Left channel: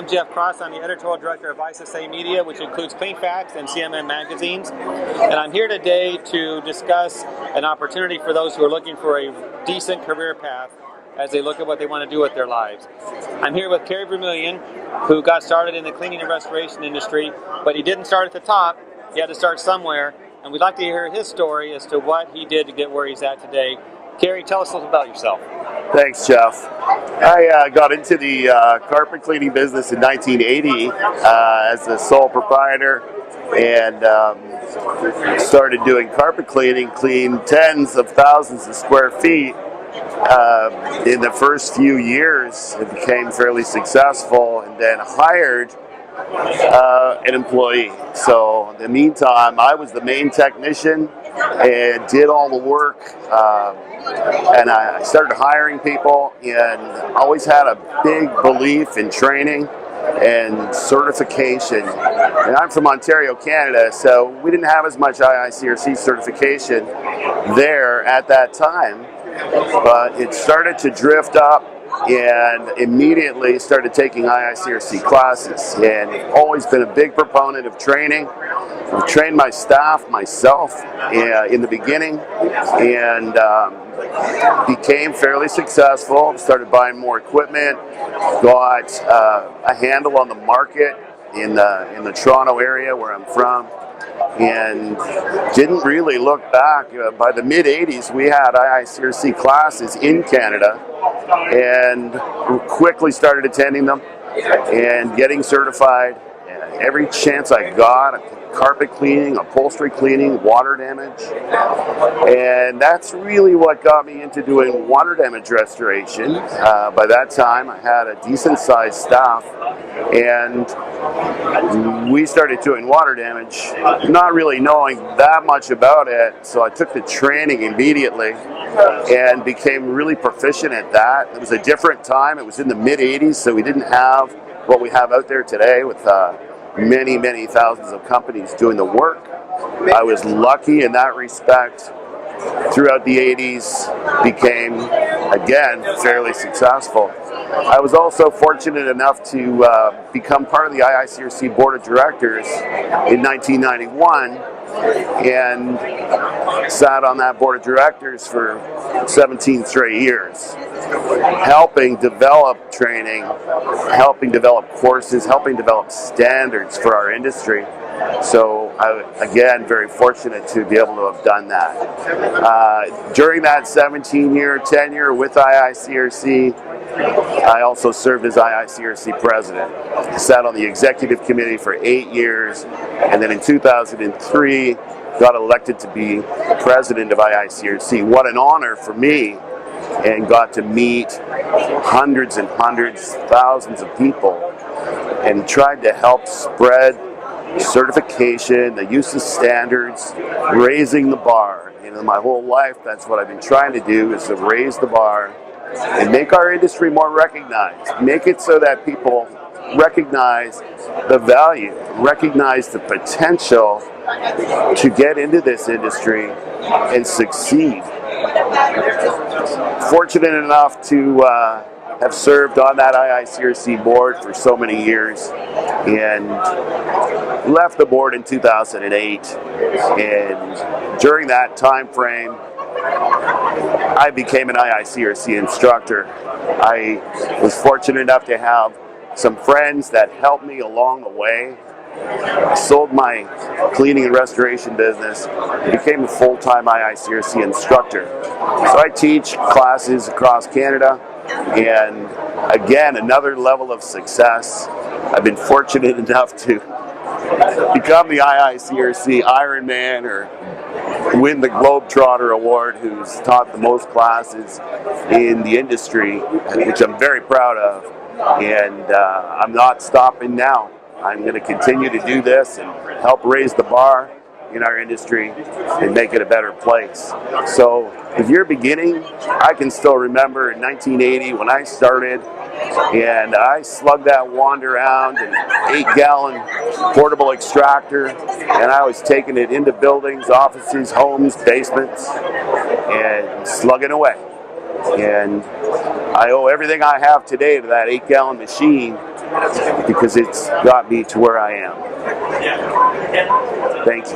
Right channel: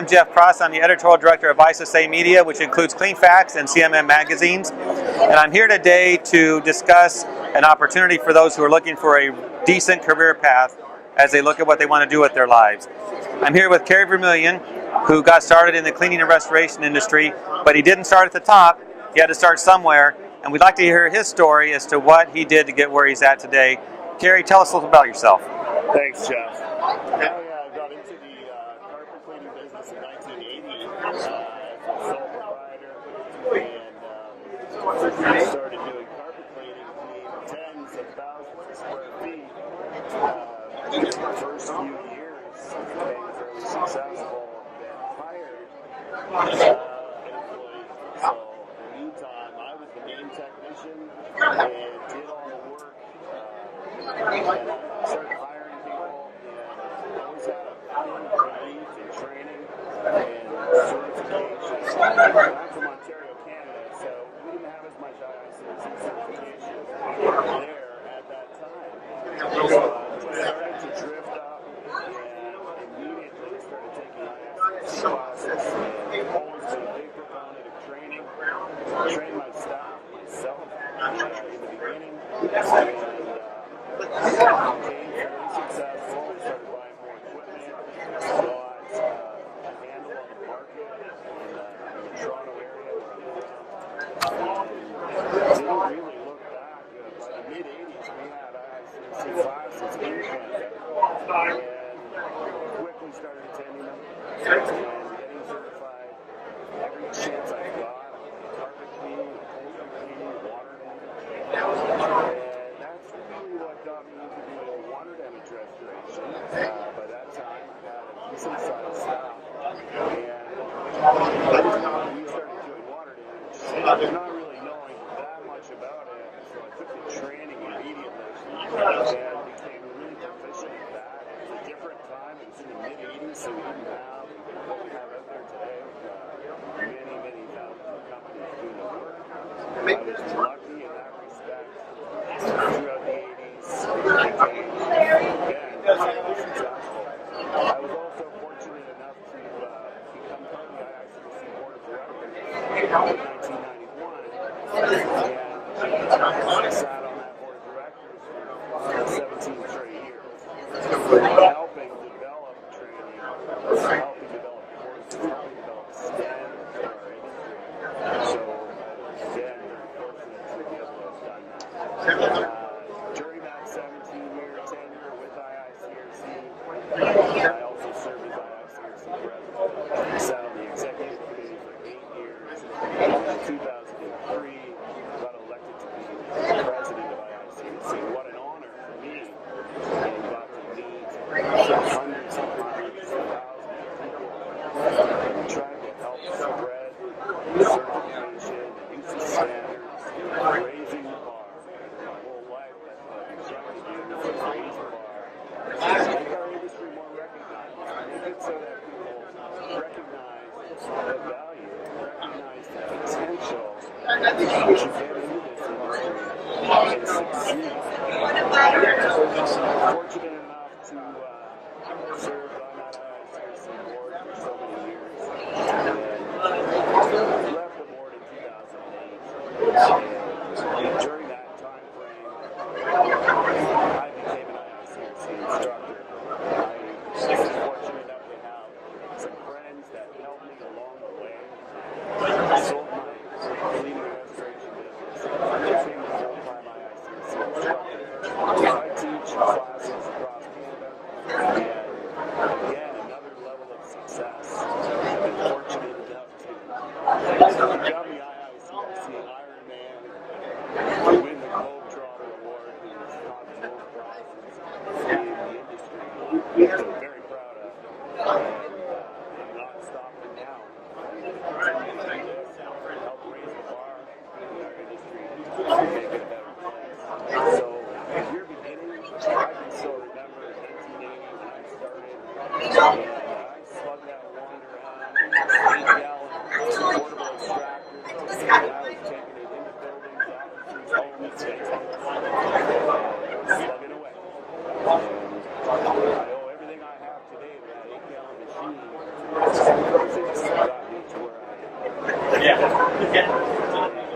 I'm Jeff Cross. I'm the editorial director of IICRC Media, which includes Clean Facts and CMM magazines. And I'm here today to discuss an opportunity for those who are looking for a decent career path as they look at what they want to do with their lives. I'm here with Carey Vermeulen, who got started in the cleaning and restoration industry, but he didn't start at the top. He had to start somewhere, and we'd like to hear his story as to what he did to get where he's at today. Carey, tell us a little about yourself. Thanks, Jeff. I got into the carpet cleaning business in 1980 as a sole proprietor, and started doing carpet cleaning, cleaned tens of thousands of square feet. In the first few years, it became fairly successful, and then hired an employee. So in the meantime, I was the main technician and did all the work, and I started hiring people, and always had a big belief in training and certification. And I'm from Ontario, Canada, so we didn't have as much IICRC certification there at that time, but it started to drift up, and immediately started taking IICRC classes, and always been a big proponent of training. I've trained my staff myself in the beginning, and became fairly successful. Started buying more equipment, got a handle on the market in the Toronto area where I'm from, and didn't really look back. By the mid-'80s, we had IICRC classes in Canada, and quickly started attending them and getting certified. Every chance I got, carpet cleaning, upholstery cleaning, water damage, and that's really what got me into doing water damage restoration. By that time, I had a decent-sized staff, and we started doing water damage, not really knowing that much about it, so I took the training immediately and became really proficient at that. It was a different time. It was in the mid-'80s, so we didn't have what we have out there today with many thousands of companies doing the work. I was lucky in that respect. Throughout the 80s, became, again, fairly successful. I was also fortunate enough to become part of the IICRC Board of Directors in 1991, and sat on that Board of Directors for 17 straight years, helping develop training, helping develop courses, helping develop standards for our industry. So again, very fortunate to be able to have done that. During that 17-year tenure with IICRC, I also served as IICRC president. I sat on the executive committee for 8 years, and then in 2003, got elected to be the president of IICRC. What an honor for me, and got to meet hundreds and hundreds, thousands of people, and tried to help spread certification, the use of standards, raising the bar. My whole life, that's what I've been trying to do, is to raise the bar and make our industry more recognized. Make it so that people recognize the value, recognize the potential to get into this industry and succeed. Fortunate enough to have served on that IICRC board for so many years, and left the board in 2008. And during that time frame, I became an IICRC instructor. I was fortunate enough to have some friends that helped me along the way. I sold my cleaning and restoration business, became a full-time IICRC instructor. So I teach classes across Canada, and again, another level of success. I've been fortunate enough to become the IICRC Ironman, or win the Globetrotter Award, who's taught the most classes in the industry, which I'm very proud of. And I'm not stopping now. I'm going to continue to do this and help raise the bar in our industry and make it a better place. So if you're beginning, I can still remember in 1980 when I started, and I slugged that wand around, an 8-gallon portable extractor, and I was taking it into buildings, offices, homes, basements, and slugging away. And I owe everything I have today to that 8-gallon machine because it's got me to where I am. Thanks.